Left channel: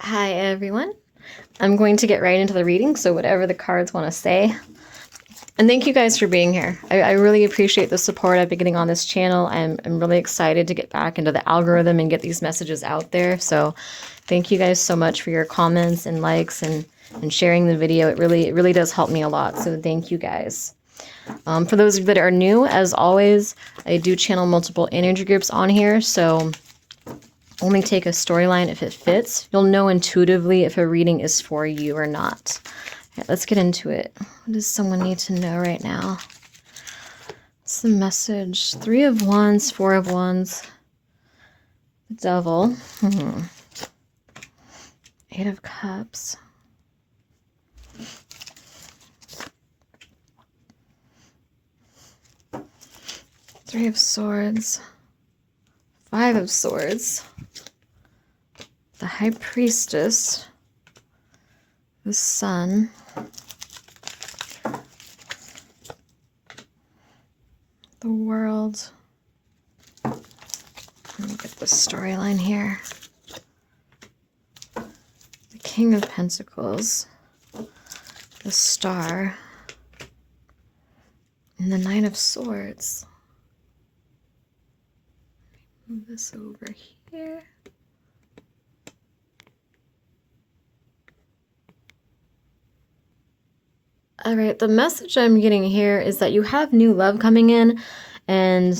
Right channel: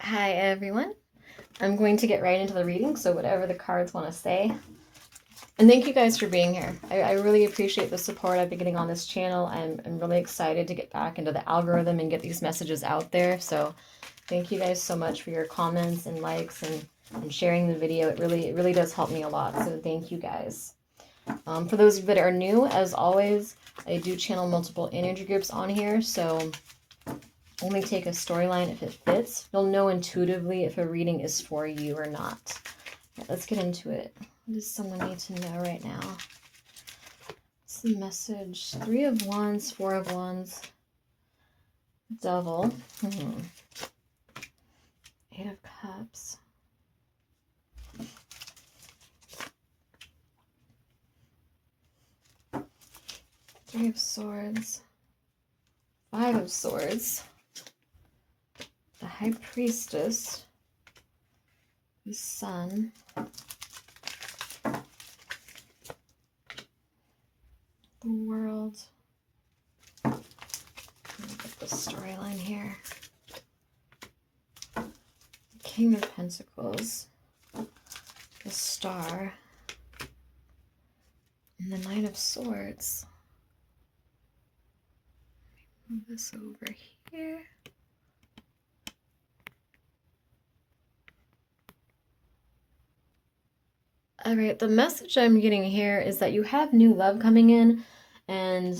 Hi everyone. I'm going to get right into the reading, so whatever the cards want to say. And thank you guys for being here. I really appreciate the support I've been getting on this channel. I'm really excited to get back into the algorithm and get these messages out there. So thank you guys so much for your comments and likes and sharing the video. It really does help me a lot. So thank you guys. For those that are new, as always, I do channel multiple energy groups on here. So only take a storyline if it fits. You'll know intuitively if a reading is for you or not. All right, let's get into it. What does someone need to know right now? What's the message? 3 of Wands, 4 of Wands. Devil. 8 of Cups. Three of Swords. 5 of Swords. The High Priestess. The Sun. The World. Let me get the storyline here. The King of Pentacles. The Star. And the Knight of Swords. Move this over here. All right, the message I'm getting here is that you have new love coming in, and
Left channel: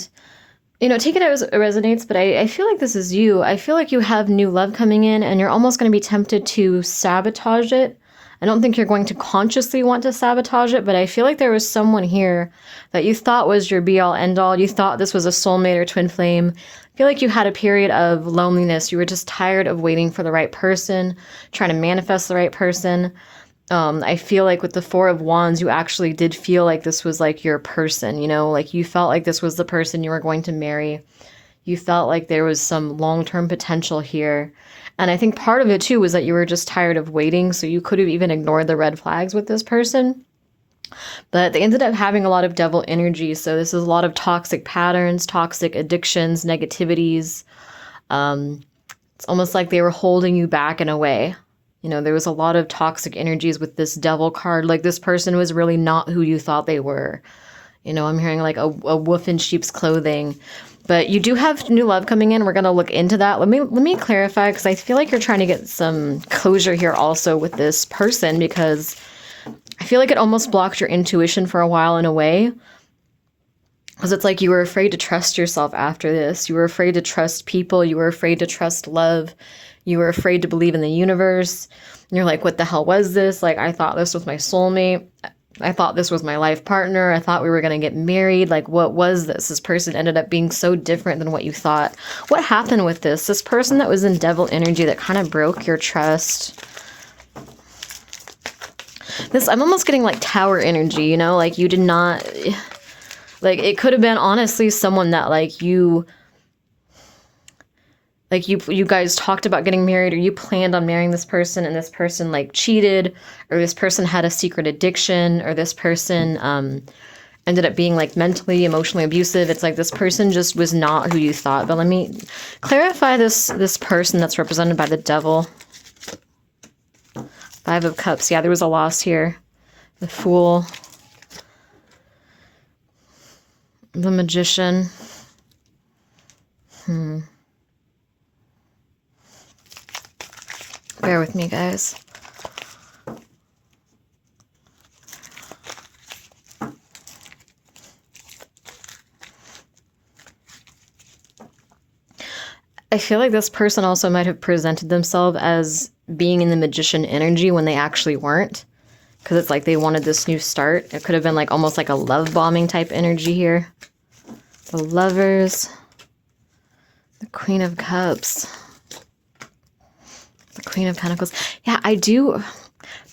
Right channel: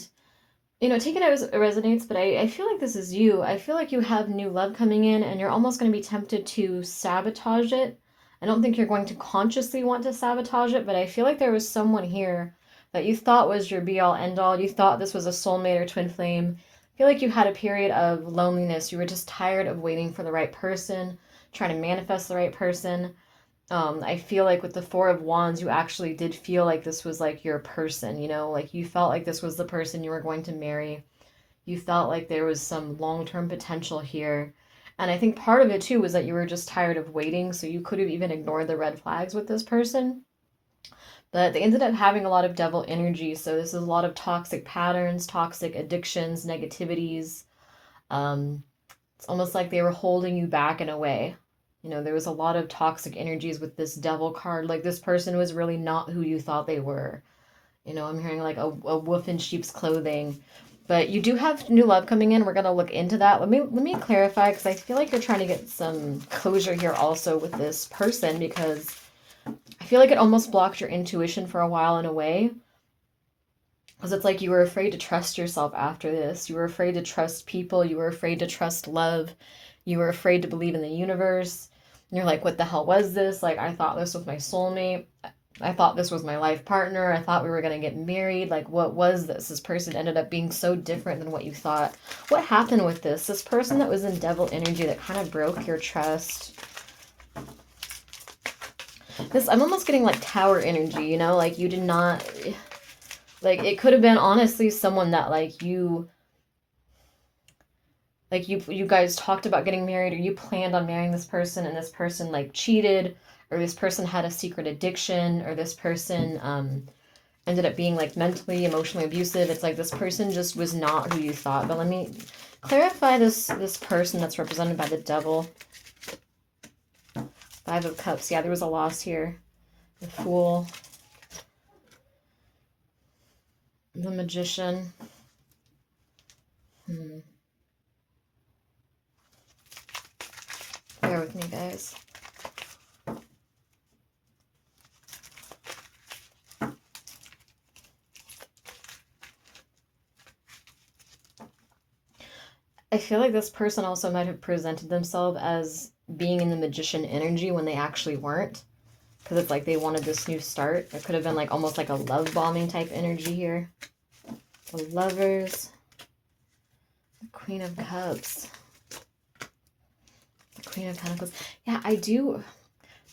take it as it resonates, but I feel like this is you. I feel like you have new love coming in and you're almost going to be tempted to sabotage it. I don't think you're going to consciously want to sabotage it, but I feel like there was someone here that you thought was your be-all, end-all. You thought this was a soulmate or twin flame. I feel like you had a period of loneliness. You were just tired of waiting for the right person, trying to manifest the right person. I feel like with the 4 of Wands, you actually did feel like this was like your person, like you felt like this was the person you were going to marry. You felt like there was some long-term potential here. And I think part of it too was that you were just tired of waiting, so you could have even ignored the red flags with this person. But they ended up having a lot of devil energy, so this is a lot of toxic patterns, toxic addictions, negativities. It's almost like they were holding you back in a way. There was a lot of toxic energies with this devil card. Like this person was really not who you thought they were. I'm hearing like a wolf in sheep's clothing. But you do have new love coming in. We're going to look into that. Let me clarify, because I feel like you're trying to get some closure here also with this person, because I feel like it almost blocked your intuition for a while in a way. Because it's like you were afraid to trust yourself after this. You were afraid to trust people. You were afraid to trust love. You were afraid to believe in the universe. And you're like, what the hell was this? Like, I thought this was my soulmate. I thought this was my life partner. I thought we were going to get married. Like, what was this? This person ended up being so different than what you thought. What happened with this? This person that was in devil energy that kind of broke your trust. I'm almost getting like tower energy, like you did not, like it could have been honestly someone that like you guys talked about getting married, or you planned on marrying this person, and this person like cheated, or this person had a secret addiction, or this person ended up being like mentally, emotionally abusive. It's like this person just was not who you thought. But let me clarify this person that's represented by the devil. 5 of Cups. Yeah, there was a loss here. The Fool. The Magician. Bear with me, guys. I feel like this person also might have presented themselves as being in the magician energy when they actually weren't. Because it's like they wanted this new start. It could have been like almost like a love bombing type energy here. The Lovers. The Queen of Cups. The Queen of Pentacles. Yeah, I do.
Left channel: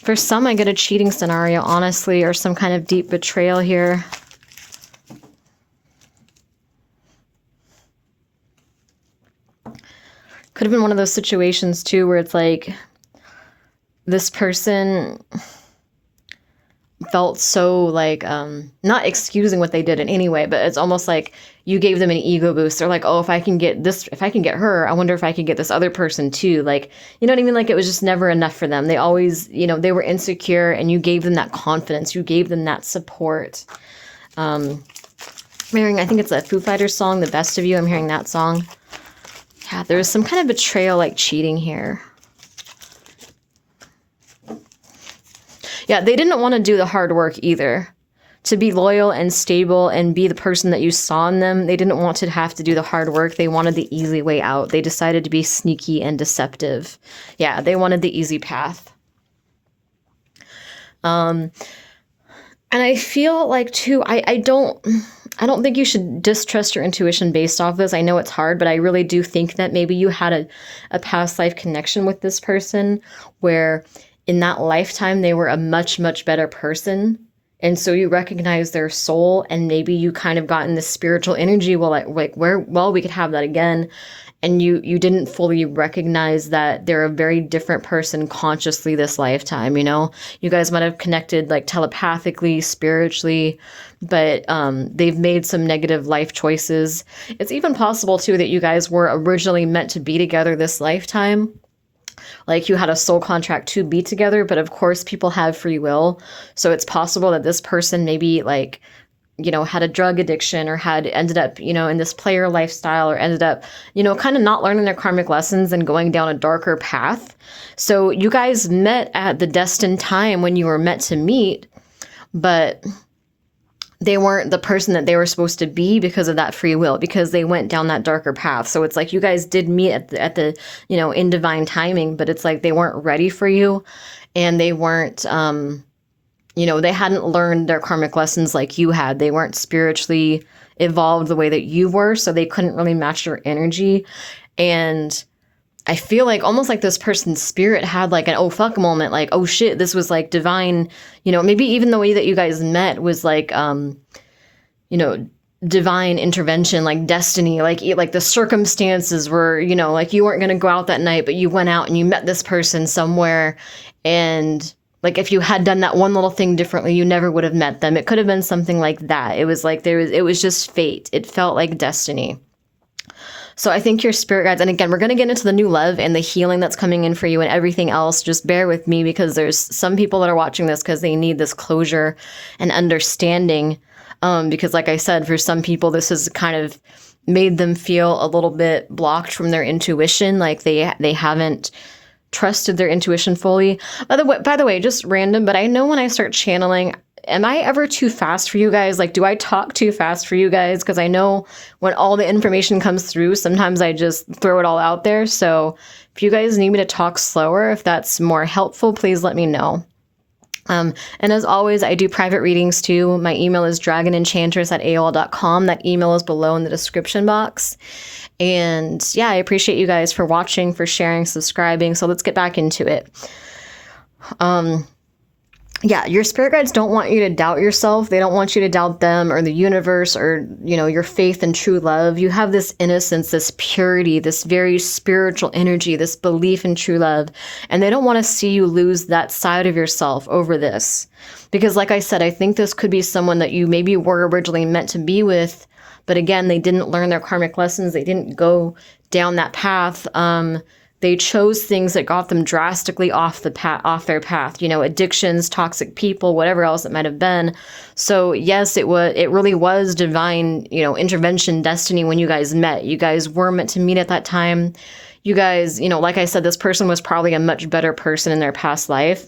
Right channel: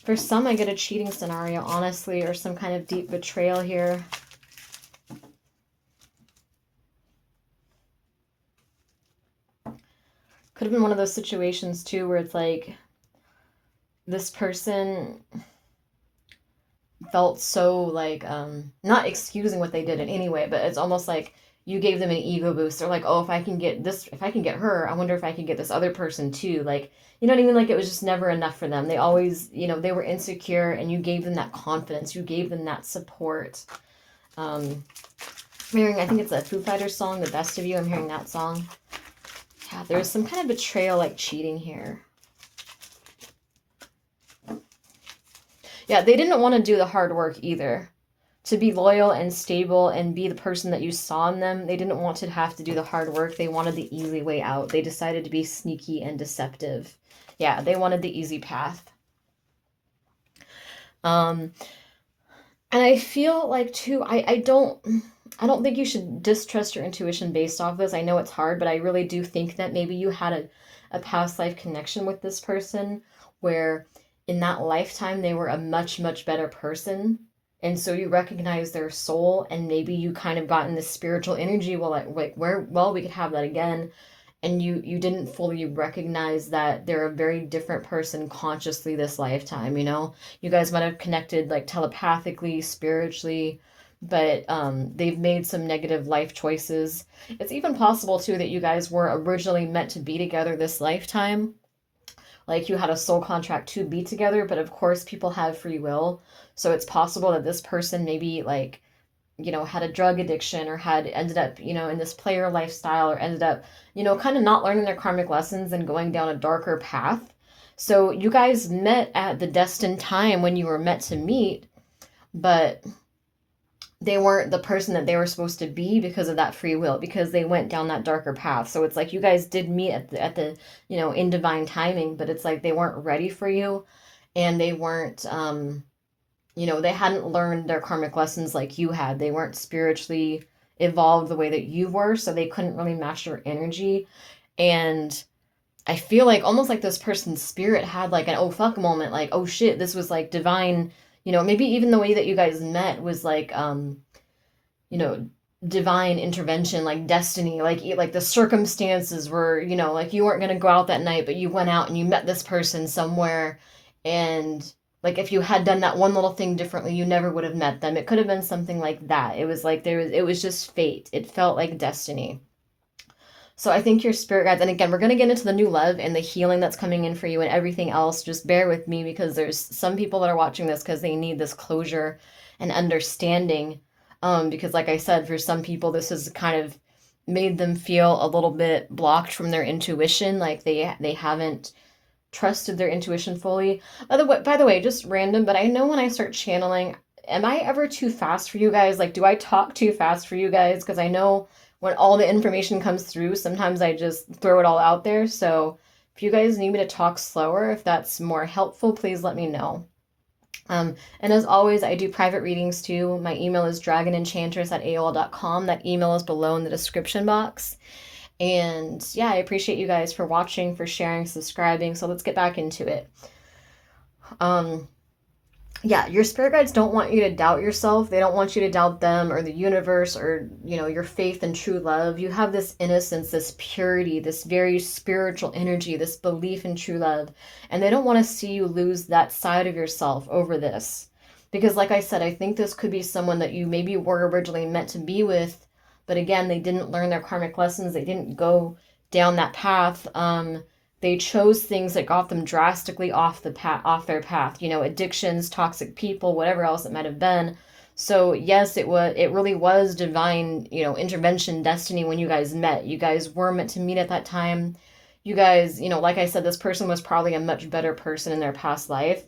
For some, I get a cheating scenario, honestly, or some kind of deep betrayal here. Could have been one of those situations, too, where it's like this person felt so like, not excusing what they did in any way, but it's almost like you gave them an ego boost. They're like, oh, if I can get this, if I can get her, I wonder if I could get this other person too. Like, you know what I mean? Like, it was just never enough for them. They always, you know, they were insecure, and you gave them that confidence. You gave them that support. I'm hearing, I think it's a Foo Fighters song, The Best of You. I'm hearing that song. Yeah, there's some kind of betrayal, like cheating here. Yeah, they didn't want to do the hard work either. To be loyal and stable and be the person that you saw in them, they didn't want to have to do the hard work. They wanted the easy way out. They decided to be sneaky and deceptive. Yeah, they wanted the easy path. And I feel like too, I don't think you should distrust your intuition based off this. I know it's hard, but I really do think that maybe you had a past life connection with this person where in that lifetime they were a much, much better person. And so you recognize their soul, and maybe you kind of got in this spiritual energy. Well, we could have that again. And you didn't fully recognize that they're a very different person consciously this lifetime, you know? You guys might have connected like telepathically, spiritually, but they've made some negative life choices. It's even possible too that you guys were originally meant to be together this lifetime. Like you had a soul contract to be together, but of course people have free will. So it's possible that this person maybe like, you know, had a drug addiction or had ended up, you know, in this player lifestyle, or ended up, you know, kind of not learning their karmic lessons and going down a darker path. So you guys met at the destined time when you were meant to meet, but they weren't the person that they were supposed to be because of that free will, because they went down that darker path. So it's like you guys did meet at the you know, in divine timing, but it's like they weren't ready for you, and they weren't you know, they hadn't learned their karmic lessons like you had. They weren't spiritually evolved the way that you were, so they couldn't really match your energy. And I feel like almost like this person's spirit had like an oh fuck moment, like, oh shit, this was like divine, you know, maybe even the way that you guys met was like you know, divine intervention, like destiny, like the circumstances were, you know, like you weren't going to go out that night, but you went out and you met this person somewhere, and like if you had done that one little thing differently, you never would have met them. It could have been something like that. It was like it was just fate. It felt like destiny. So I think your spirit guides, and again, we're going to get into the new love and the healing that's coming in for you and everything else. Just bear with me, because there's some people that are watching this because they need this closure and understanding. Because like I said, for some people, this has kind of made them feel a little bit blocked from their intuition. Like they haven't trusted their intuition fully. By the way, just random, but I know when I start channeling, am I ever too fast for you guys? Like, do I talk too fast for you guys? Because I know when all the information comes through, sometimes I just throw it all out there. So if you guys need me to talk slower, if that's more helpful, please let me know. And as always, I do private readings too. My email is dragonenchantress@aol.com. That email is below in the description box. And yeah, I appreciate you guys for watching, for sharing, subscribing. So let's get back into it. Yeah, your spirit guides don't want you to doubt yourself. They don't want you to doubt them or the universe or, you know, your faith and true love. You have this innocence, this purity, this very spiritual energy, this belief in true love. And they don't want to see you lose that side of yourself over this. Because like I said, I think this could be someone that you maybe were originally meant to be with. But again, they didn't learn their karmic lessons. They didn't go down that path. They chose things that got them drastically off their path, you know, addictions, toxic people, whatever else it might have been. So yes, it really was divine, you know, intervention, destiny when you guys met. You guys were meant to meet at that time. You guys, you know, like I said, this person was probably a much better person in their past life.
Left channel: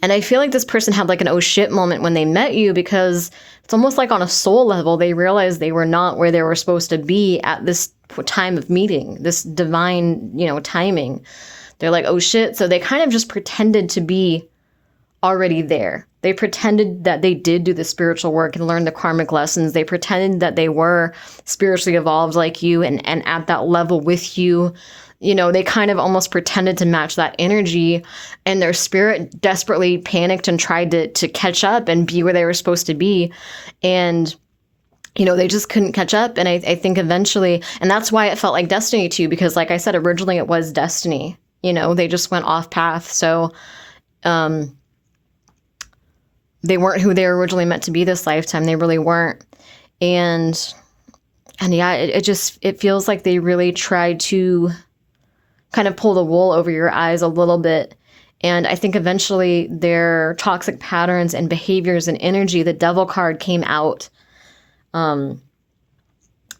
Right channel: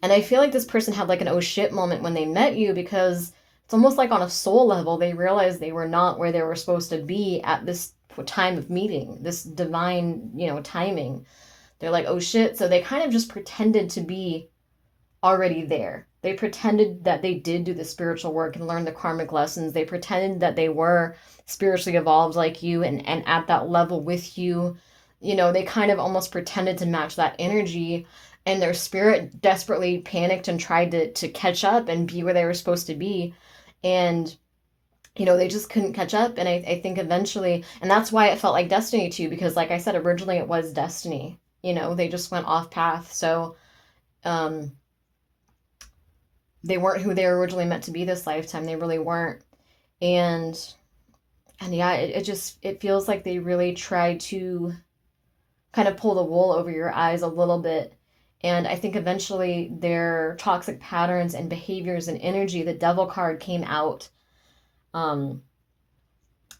And I feel like this person had like an oh shit moment when they met you, because it's almost like on a soul level, they realized they were not where they were supposed to be at this time of meeting, this divine, you know, timing. They're like, oh shit. So they kind of just pretended to be already there. They pretended that they did do the spiritual work and learn the karmic lessons. They pretended that they were spiritually evolved like you and at that level with you. You know, they kind of almost pretended to match that energy, and their spirit desperately panicked and tried to catch up and be where they were supposed to be. And, you know, they just couldn't catch up. And I think eventually, and that's why it felt like destiny too, because like I said, originally it was destiny, you know, they just went off path. So, they weren't who they were originally meant to be this lifetime. They really weren't. And And yeah, it feels like they really tried to kind of pull the wool over your eyes a little bit. And I think eventually their toxic patterns and behaviors and energy, the devil card came out. Um,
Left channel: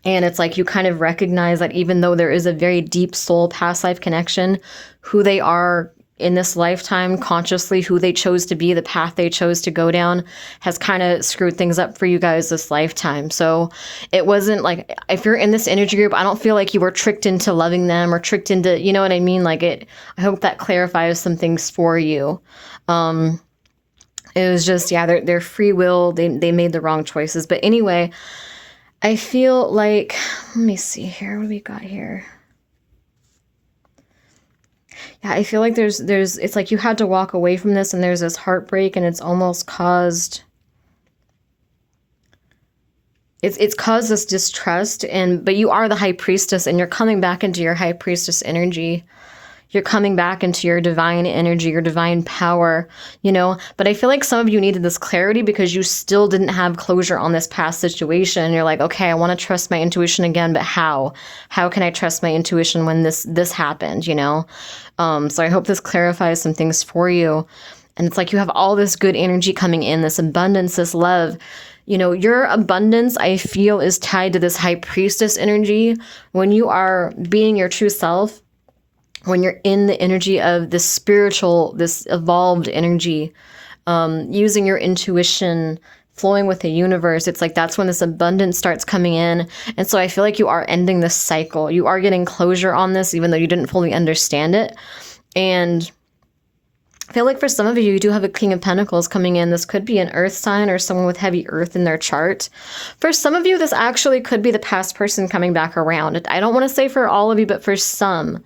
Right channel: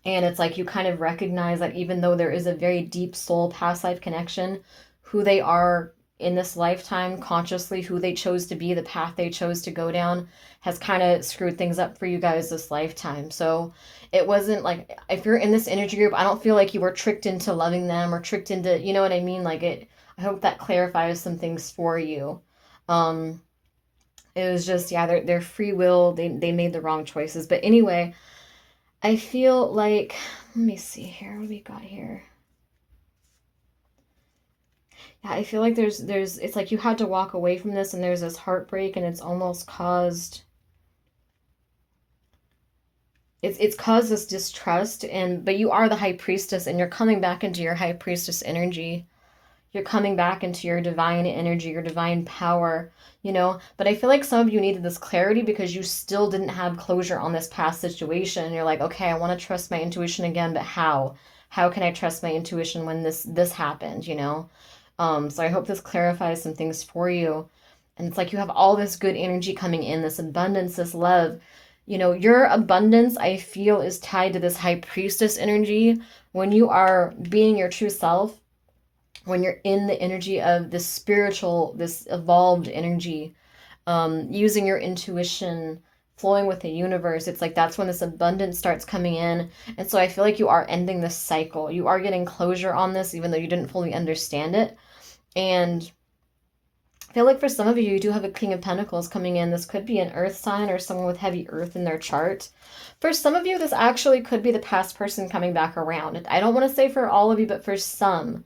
and it's like you kind of recognize that even though there is a very deep soul past life connection, who they are in this lifetime, consciously, who they chose to be, the path they chose to go down, has kind of screwed things up for you guys this lifetime. So it wasn't like, if you're in this energy group, I don't feel like you were tricked into loving them or tricked into, you know what I mean? Like I hope that clarifies some things for you. It was just, yeah, their free will, they made the wrong choices. But anyway, I feel like, let me see here, what do we got here? Yeah, I feel like it's like you had to walk away from this and there's this heartbreak and it's almost caused, it's caused this distrust, but you are the high priestess and you're coming back into your high priestess energy. You're coming back into your divine energy, your divine power, you know? But I feel like some of you needed this clarity because you still didn't have closure on this past situation. You're like, okay, I want to trust my intuition again, but how? How can I trust my intuition when this happened, you know? So I hope this clarifies some things for you. And it's like you have all this good energy coming in, this abundance, this love. You know, your abundance, I feel, is tied to this high priestess energy. When you are being your true self, when you're in the energy of this spiritual, this evolved energy, using your intuition, flowing with the universe, it's like that's when this abundance starts coming in. And so I feel like you are ending this cycle. You are getting closure on this, even though you didn't fully understand it. And I feel like for some of you, you do have a King of Pentacles coming in. This could be an earth sign or someone with heavy earth in their chart. For some of you, this actually could be the past person coming back around. I don't want to say for all of you, but for some,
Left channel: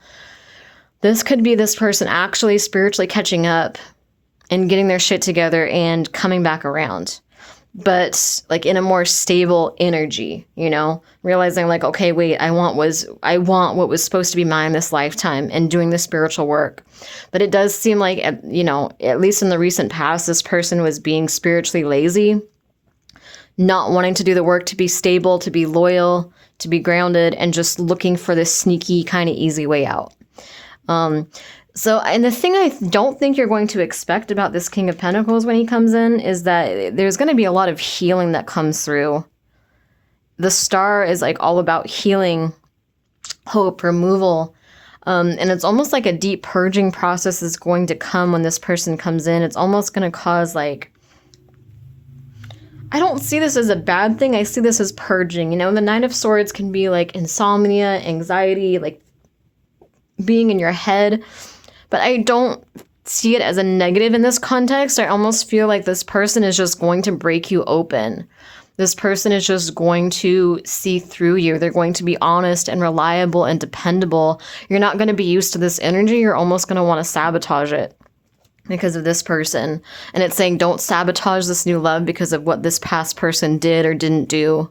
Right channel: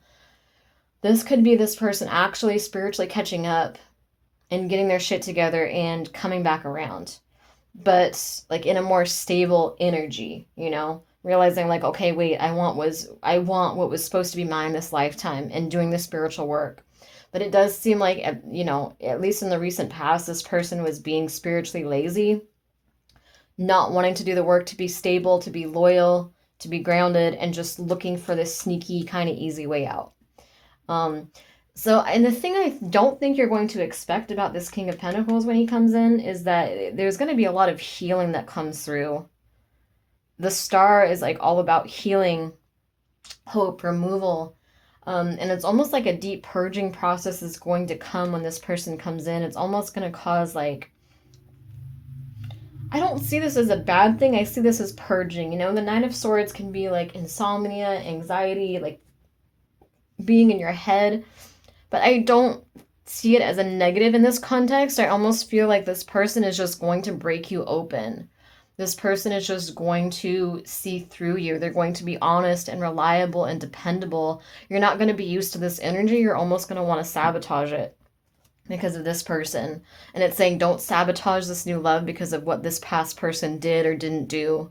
this could be this person actually spiritually catching up and getting their shit together and coming back around. But like in a more stable energy, you know, realizing like, okay, wait, I want what was supposed to be mine this lifetime and doing the spiritual work. But it does seem like, you know, at least in the recent past, this person was being spiritually lazy, not wanting to do the work to be stable, to be loyal, to be grounded, and just looking for this sneaky kind of easy way out. And the thing I don't think you're going to expect about this King of Pentacles when he comes in is that there's going to be a lot of healing that comes through. The star is like all about healing, hope, removal. And it's almost like a deep purging process is going to come when this person comes in. It's almost going to cause like, I don't see this as a bad thing. I see this as purging. You know, the Nine of Swords can be like insomnia, anxiety, like being in your head, but I don't see it as a negative in this context. I almost feel like this person is just going to break you open. This person is just going to see through you. They're going to be honest and reliable and dependable. You're not going to be used to this energy. You're almost going to want to sabotage it because of this person. And it's saying don't sabotage this new love because of what this past person did or didn't do.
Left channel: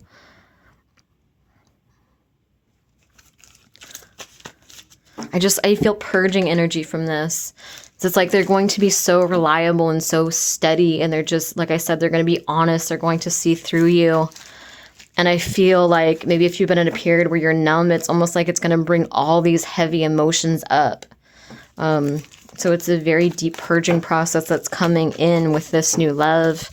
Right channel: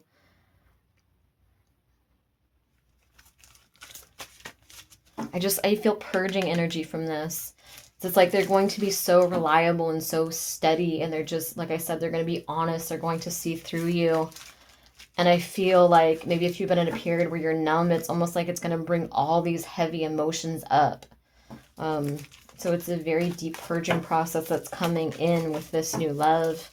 I feel purging energy from this. So it's like they're going to be so reliable and so steady, and they're just, like I said, they're going to be honest. They're going to see through you. And I feel like maybe if you've been in a period where you're numb, it's almost like it's going to bring all these heavy emotions up. So it's a very deep purging process that's coming in with this new love.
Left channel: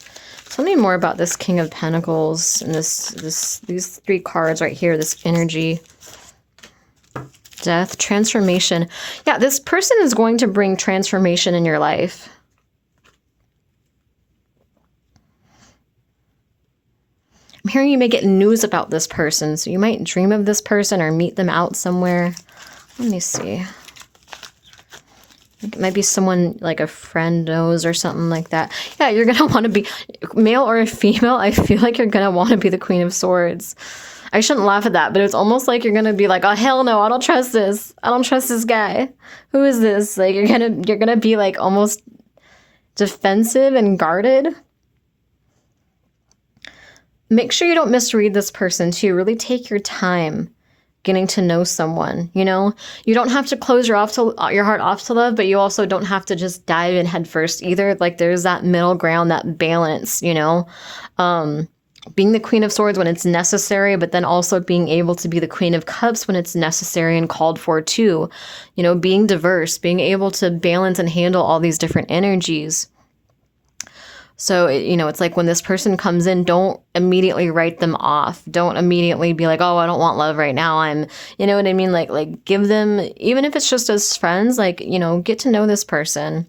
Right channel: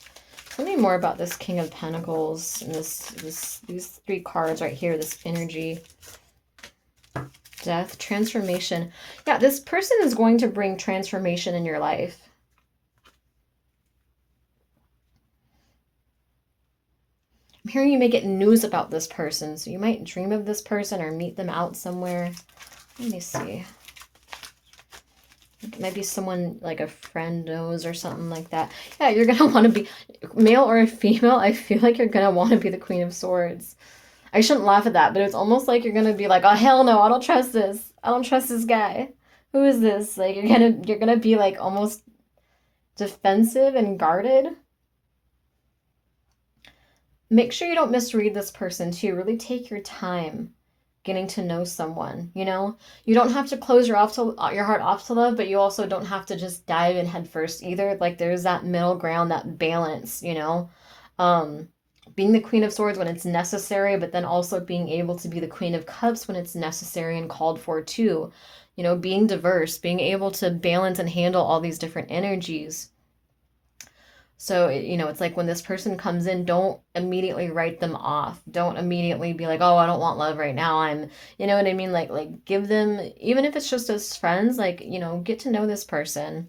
Tell me more about this King of Pentacles and these three cards right here, this energy. Death, transformation. Yeah, this person is going to bring transformation in your life. I'm hearing you may get news about this person, so you might dream of this person or meet them out somewhere. Let me see. It might be someone like a friend knows or something like that. Yeah, you're going to want to be male or a female. I feel like you're going to want to be the Queen of Swords. I shouldn't laugh at that, but it's almost like you're going to be like, oh, hell no, I don't trust this. I don't trust this guy. Who is this? Like, you're going to be like almost defensive and guarded. Make sure you don't misread this person too. Really take your time getting to know someone, you know? You don't have to close your heart off to love, but you also don't have to just dive in head first either. Like there's that middle ground, that balance, you know? being the Queen of Swords when it's necessary, but then also being able to be the Queen of Cups when it's necessary and called for too. You know, being diverse, being able to balance and handle all these different energies. So, you know, it's like when this person comes in, don't immediately write them off. Don't immediately be like, oh, I don't want love right now. You know what I mean? Like give them, even if it's just as friends, like, you know, get to know this person.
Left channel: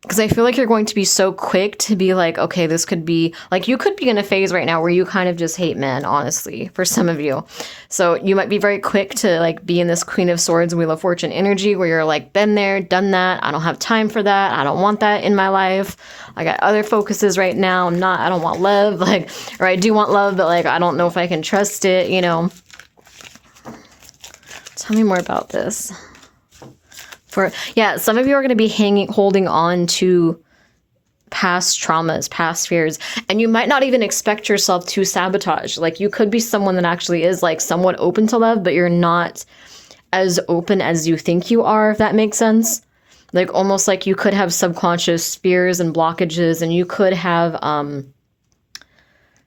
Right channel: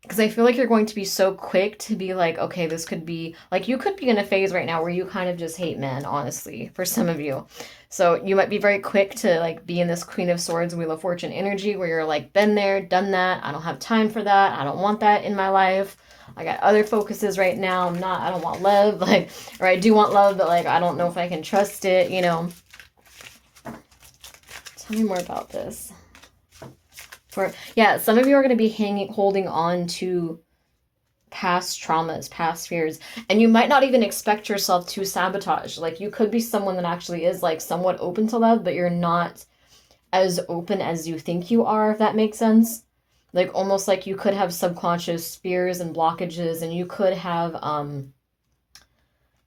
Because I feel like you're going to be so quick to be like, okay, this could be, like, you could be in a phase right now where you kind of just hate men, honestly, for some of you. So you might be very quick to, like, be in this Queen of Swords, Wheel of Fortune energy where you're like, been there, done that. I don't have time for that. I don't want that in my life. I got other focuses right now. I don't want love. Like, or I do want love, but, like, I don't know if I can trust it, you know. Tell me more about this. Some of you are going to be holding on to past traumas, past fears, and you might not even expect yourself to sabotage. Like, you could be someone that actually is, like, somewhat open to love, but you're not as open as you think you are, if that makes sense. Like, almost like you could have subconscious fears and blockages, and you could have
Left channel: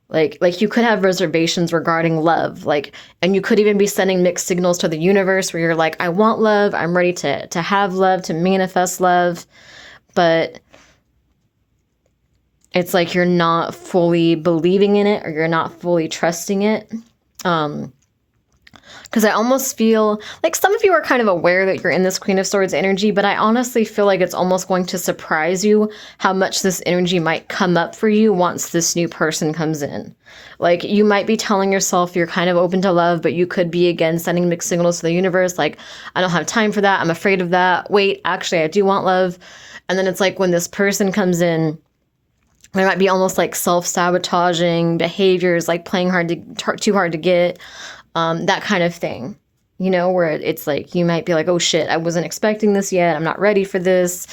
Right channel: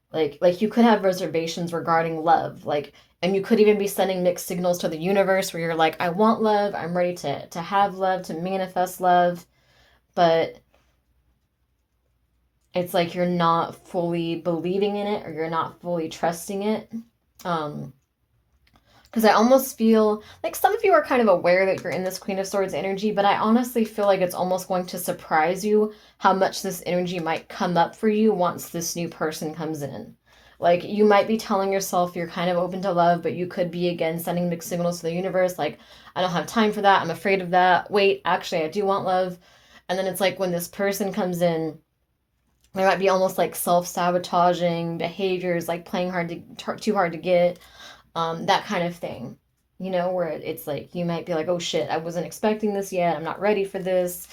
like you could have reservations regarding love, like, and you could even be sending mixed signals to the universe where you're like, I want love, I'm ready to have love, to manifest love, but it's like you're not fully believing in it, or you're not fully trusting it. Because I almost feel like some of you are kind of aware that you're in this Queen of Swords energy, but I honestly feel like it's almost going to surprise you how much this energy might come up for you once this new person comes in. Like, you might be telling yourself you're kind of open to love, but you could be, again, sending mixed signals to the universe, like, I don't have time for that, I'm afraid of that, wait, actually, I do want love. And then it's like when this person comes in, there might be almost like self-sabotaging behaviors, like playing too hard to get, that kind of thing, you know, where it's like you might be like, oh shit, I wasn't expecting this yet, I'm not ready for this.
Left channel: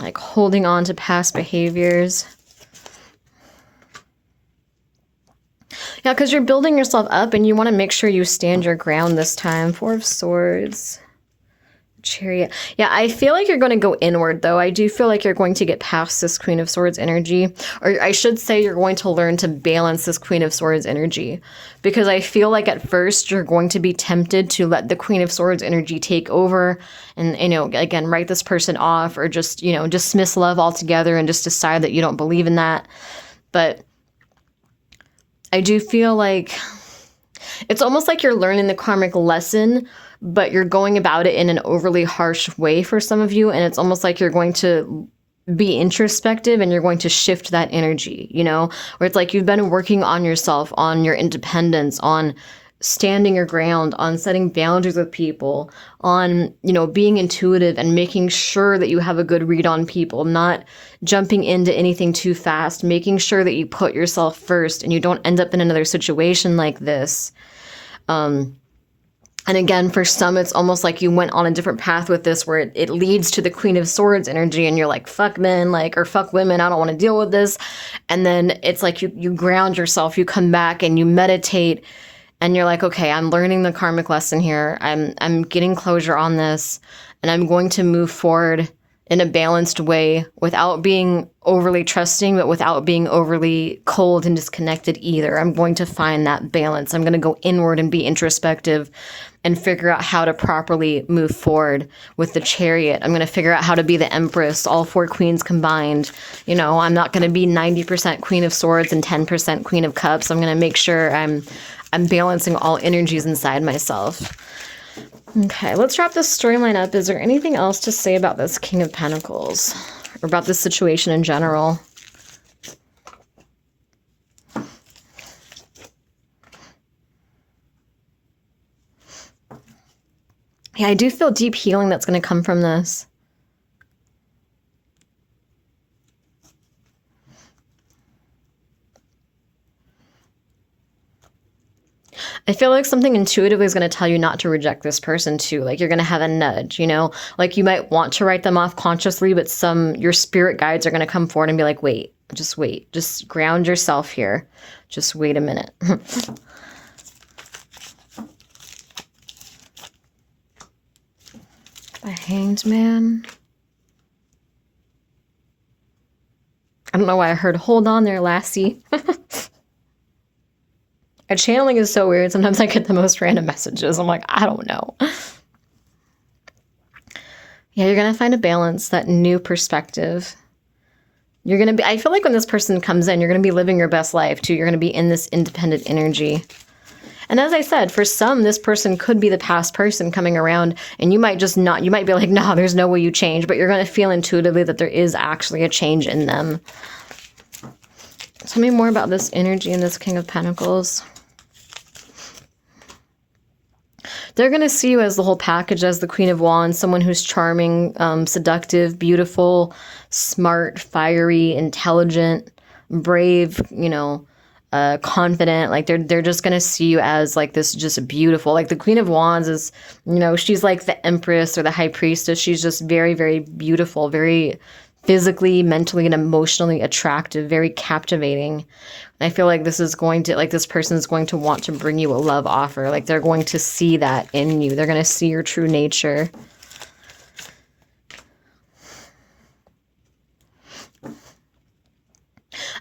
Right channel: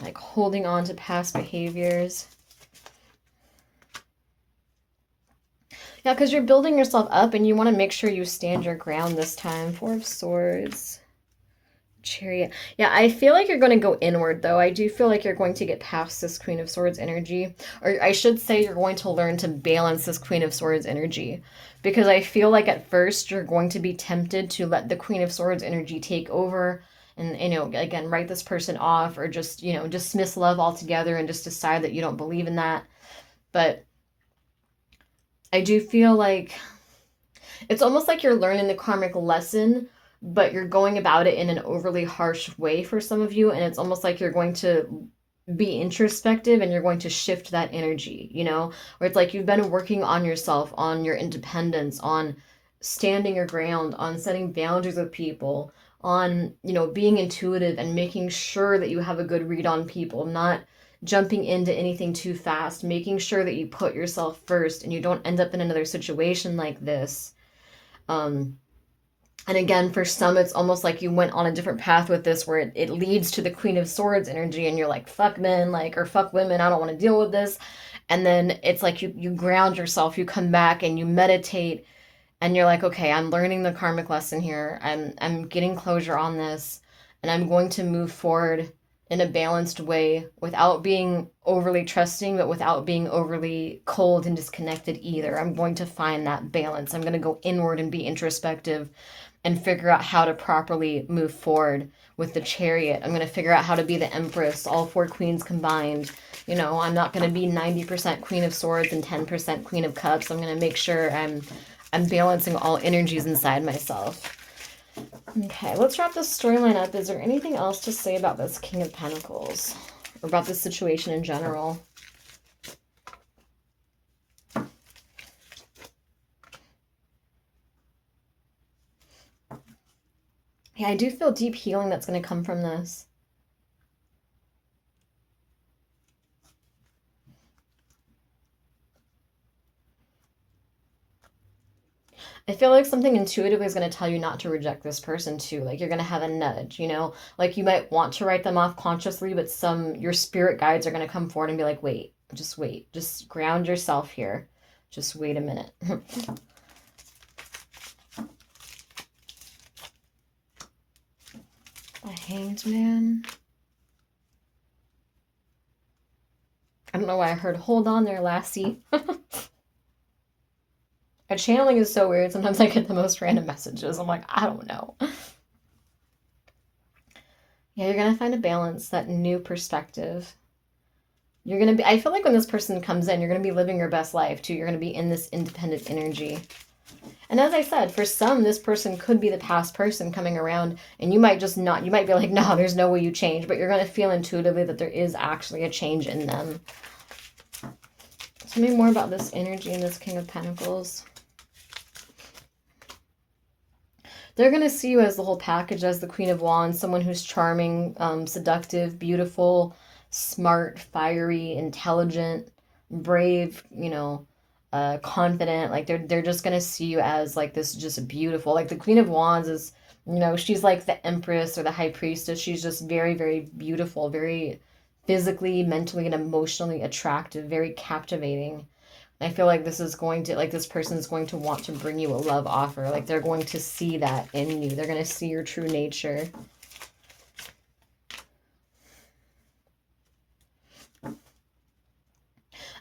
Like holding on to past behaviors. Yeah, because you're building yourself up and you want to make sure you stand your ground this time. Four of Swords. Chariot. Yeah, I feel like you're going to go inward, though. I do feel like you're going to get past this Queen of Swords energy. Or I should say you're going to learn to balance this Queen of Swords energy. Because I feel like at first you're going to be tempted to let the Queen of Swords energy take over and, you know, again, write this person off, or just, you know, dismiss love altogether and just decide that you don't believe in that. But I do feel like it's almost like you're learning the karmic lesson, but you're going about it in an overly harsh way for some of you. And it's almost like you're going to be introspective and you're going to shift that energy, you know, where it's like you've been working on yourself, on your independence, on standing your ground, on setting boundaries with people, on, you know, being intuitive and making sure that you have a good read on people, not jumping into anything too fast, making sure that you put yourself first and you don't end up in another situation like this. And again, for some, it's almost like you went on a different path with this, where it leads to the Queen of Swords energy and you're like, fuck men, like, or fuck women, I don't want to deal with this. And then it's like you ground yourself, you come back and you meditate and you're like, okay, I'm learning the karmic lesson here. I'm getting closure on this, and I'm going to move forward in a balanced way without being overly trusting, but without being overly cold and disconnected either. I'm going to find that balance. I'm going to go inward and be introspective and figure out how to properly move forward with the Chariot. I'm going to figure out how to be the Empress, all four queens combined. You know, I'm not going to be 90% Queen of Swords and 10% Queen of Cups. I'm going to make sure I'm balancing all energies inside myself. Okay, let's wrap this storyline up. Is there anything else to say about this King of Pentacles, or about this situation in general? Yeah, I do feel deep healing that's going to come from this. I feel like something intuitively is going to tell you not to reject this person too. Like, you're going to have a nudge, you know? Like, you might want to write them off consciously, but your spirit guides are going to come forward and be like, wait, just ground yourself here. Just wait a minute. The Hanged Man. I don't know why I heard hold on there, lassie. A channeling is so weird. Sometimes I get the most random messages. I'm like, I don't know. Yeah, you're going to find a balance, that new perspective. You're going to be, I feel like when this person comes in, you're going to be living your best life too. You're going to be in this independent energy. And as I said, for some, this person could be the past person coming around, and you might just not, you might be like, no, there's no way you change, but you're going to feel intuitively that there is actually a change in them. Tell me more about this energy and this King of Pentacles. They're going to see you as the whole package, as the Queen of Wands, someone who's charming, seductive, beautiful, smart, fiery, intelligent, brave, you know, confident. Like they're just going to see you as like this just beautiful. Like the Queen of Wands is, you know, she's like the Empress or the High Priestess. She's just very, very beautiful, very physically, mentally, and emotionally attractive, very captivating. I feel like this is going to, like, this person is going to want to bring you a love offer. Like, they're going to see that in you. They're going to see your true nature.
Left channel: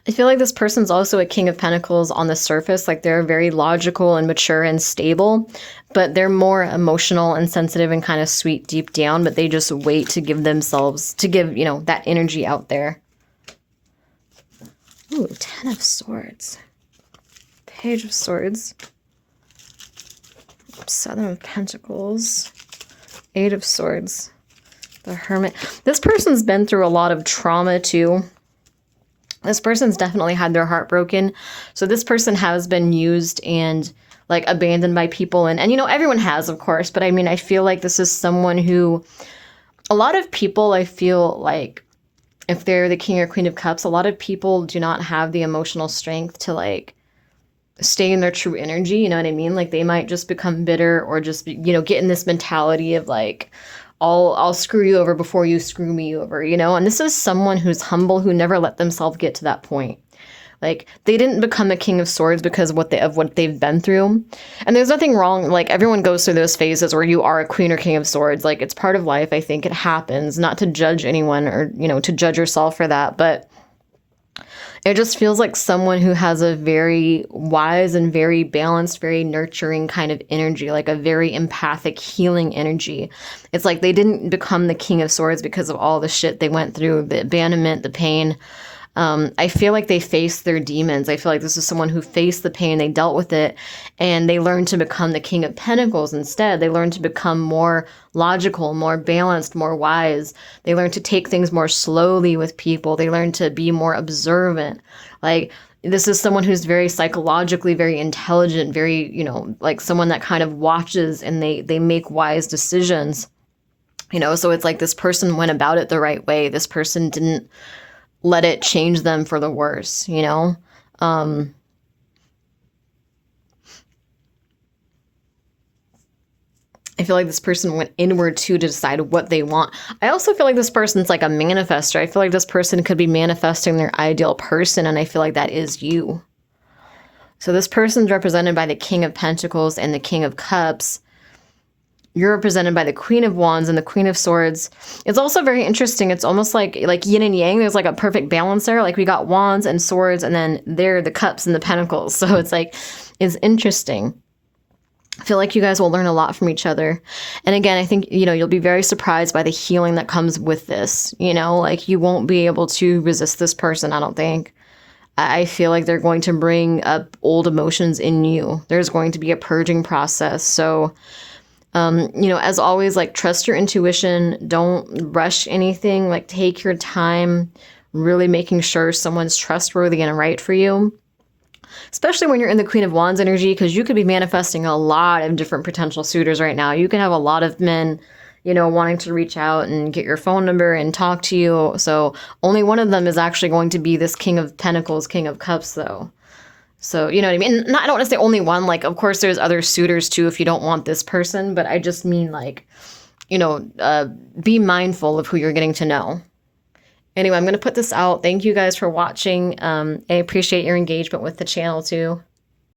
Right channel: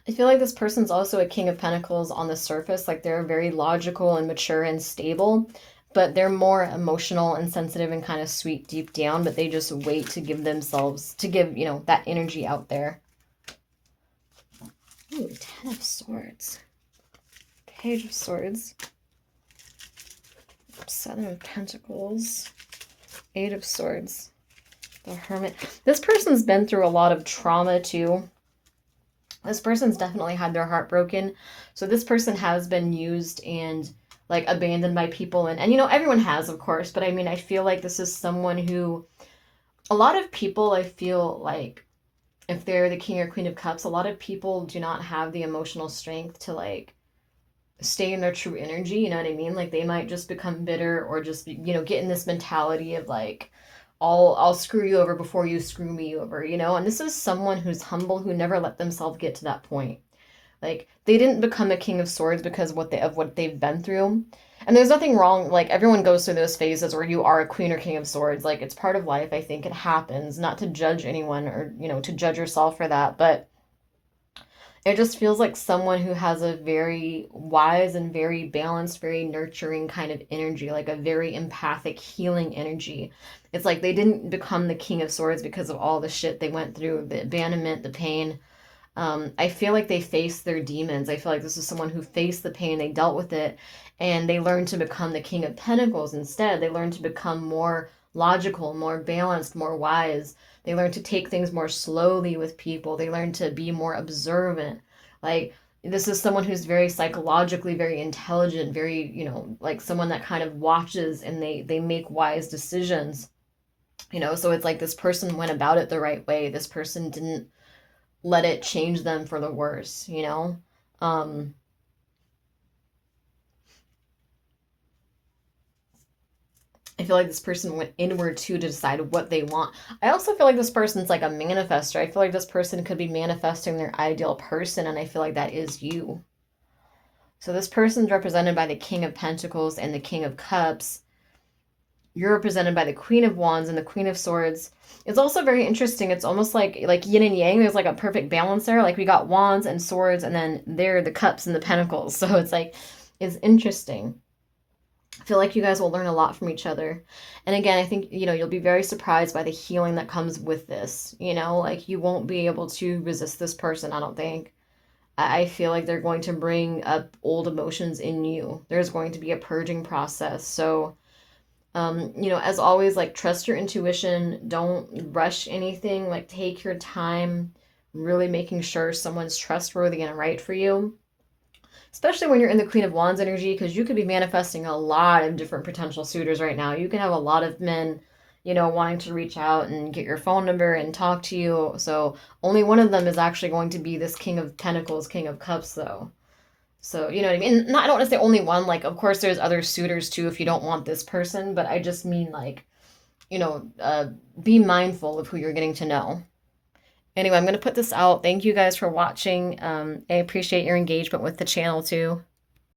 I feel like this person's also a King of Pentacles on the surface. Like, they're very logical and mature and stable, but they're more emotional and sensitive and kind of sweet deep down, but they just wait to give themselves, to give, you know, that energy out there. Ooh, 10 of Swords. Page of Swords. 7 of Pentacles. 8 of Swords. The Hermit. This person's been through a lot of trauma too. This person's definitely had their heart broken. So this person has been used and like abandoned by people. And you know, everyone has, of course. But I mean, I feel like this is someone who, a lot of people, I feel like, if they're the King or Queen of Cups, a lot of people do not have the emotional strength to like stay in their true energy. You know what I mean? Like they might just become bitter or just, you know, get in this mentality of like, I'll screw you over before you screw me over, you know? And this is someone who's humble, who never let themselves get to that point. Like they didn't become a King of Swords because of what they've been through. And there's nothing wrong. Like everyone goes through those phases where you are a Queen or King of Swords. Like it's part of life. I think it happens. Not to judge anyone or, you know, to judge yourself for that. But it just feels like someone who has a very wise and very balanced, very nurturing kind of energy, like a very empathic, healing energy. It's like they didn't become the King of Swords because of all the shit they went through, the abandonment, the pain. I feel like they faced their demons. I feel like this is someone who faced the pain, they dealt with it, and they learned to become the King of Pentacles instead. They learned to become more logical, more balanced, more wise. They learned to take things more slowly with people. They learned to be more observant. Like, this is someone who's very psychologically, very intelligent, very, you know, like someone that kind of watches and they make wise decisions. You know, so it's like this person went about it the right way. This person didn't let it change them for the worse, you know? I feel like this person went inward too to decide what they want. I also feel like this person's like a manifester. I feel like this person could be manifesting their ideal person, and I feel like that is you. So this person's represented by the King of Pentacles and the King of Cups. You're represented by the Queen of Wands and the Queen of Swords. It's also very interesting. It's almost like yin and yang. There's like a perfect balance there. Like we got Wands and Swords, and then there are the Cups and the Pentacles. So it's like, it's interesting. I feel like you guys will learn a lot from each other. And again, I think, you know, you'll be very surprised by the healing that comes with this. You know, like you won't be able to resist this person, I don't think. I feel like they're going to bring up old emotions in you. There's going to be a purging process. So, you know, as always, like trust your intuition. Don't rush anything. Like take your time, really making sure someone's trustworthy and right for you. Especially when you're in the Queen of Wands energy, because you could be manifesting a lot of different potential suitors right now. You can have a lot of men, you know, wanting to reach out and get your phone number and talk to you. So only one of them is actually going to be this King of Pentacles, King of Cups, though. So, you know what I mean? And I don't want to say only one. Like, of course, there's other suitors, too, if you don't want this person. But I just mean, like, you know, be mindful of who you're getting to know. Anyway, I'm going to put this out. Thank you guys for watching. I appreciate your engagement with the channel, too.